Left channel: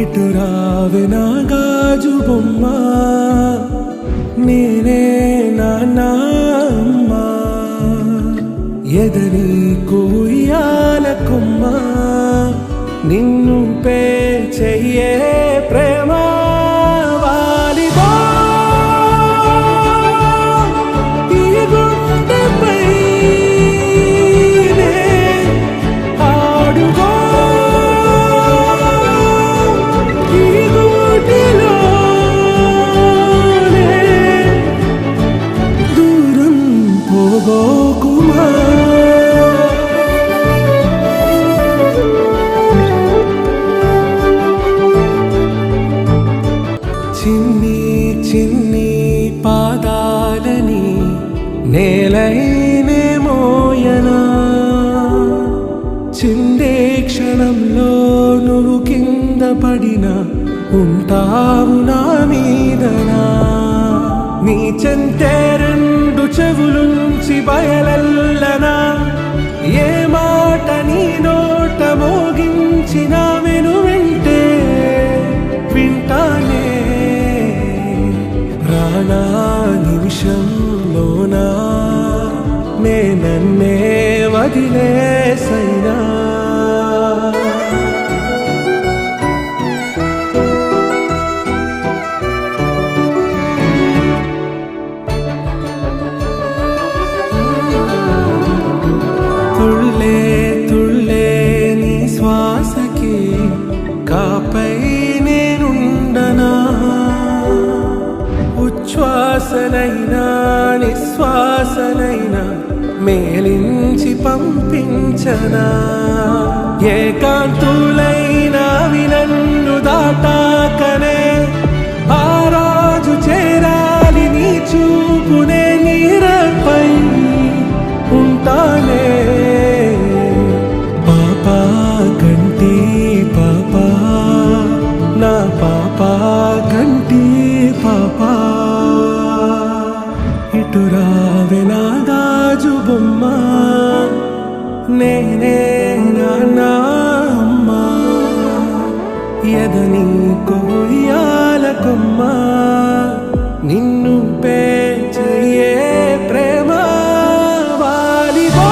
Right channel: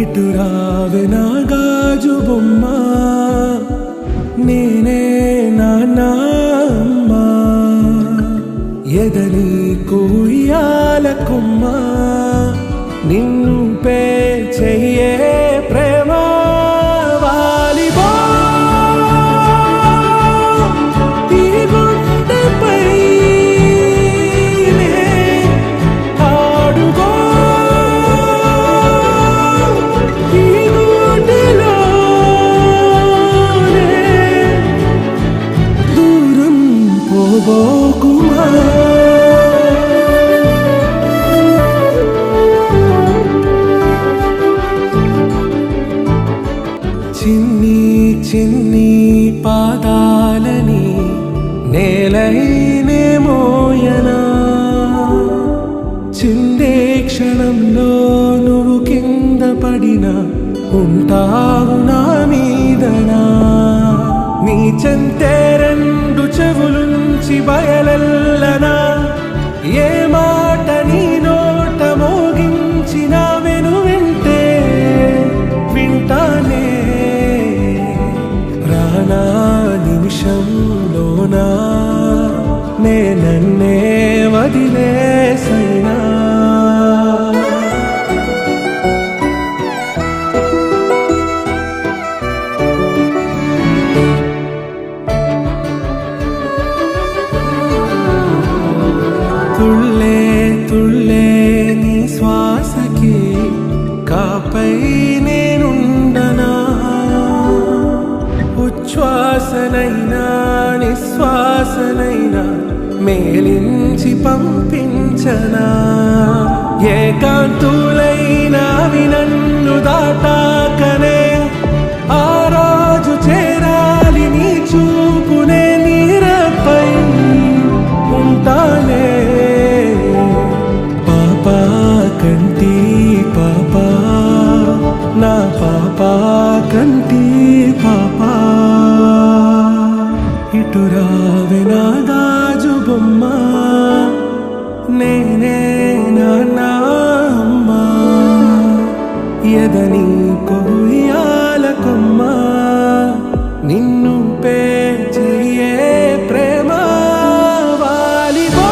ఇటు రావే నా గాజు బొమ్మ, నేనే నాన్న అమ్మ, ఎదని కుయ్యాల కొమ్మ, నిన్ను పే చెయ్యే ప్రేమ వాలిబో ఈ గుండెపై ఆడుగో ఈ గుడిలోనే దూరం పోబోకుమా. చిన్ని చిన్ని పాదాలని నేలైనే మోయనా, చిందే క్షణంలో నువ్వు కింద పడినా ఉంటావు నా మీదనా. నీ చెంతే రెండు చెవులుంచి బయలెల్లనా, ఏ మాట నీ నోట మోగించిన వెను వింటే వింటానే. రానా నిమిషంలోనా నే నన్నే వదిలేసైనా, తుళ్ళే తుళ్ళే నీ శ్వాసకి కాపై నేనుండనా, ఉచ్ఛ్వాసనైనా నిశ్వాసనైనా మేలించి పంపించనా. ఏకాంతులైనా వినన్ను దాటాకనే ఆ రోజు చేరాలి నీ చూపునే నీరపై ఉంటానే. పాపా కంటి పాపా నా పాపా కంటి పాపా, ఇటు రావే నా గాజు బొమ్మ, నేనే నాన్న అమ్మ, ఎదని కొయ్యాల కొమ్మ, నిన్ను పే చెయ్యే ప్రేమ వాలిబో.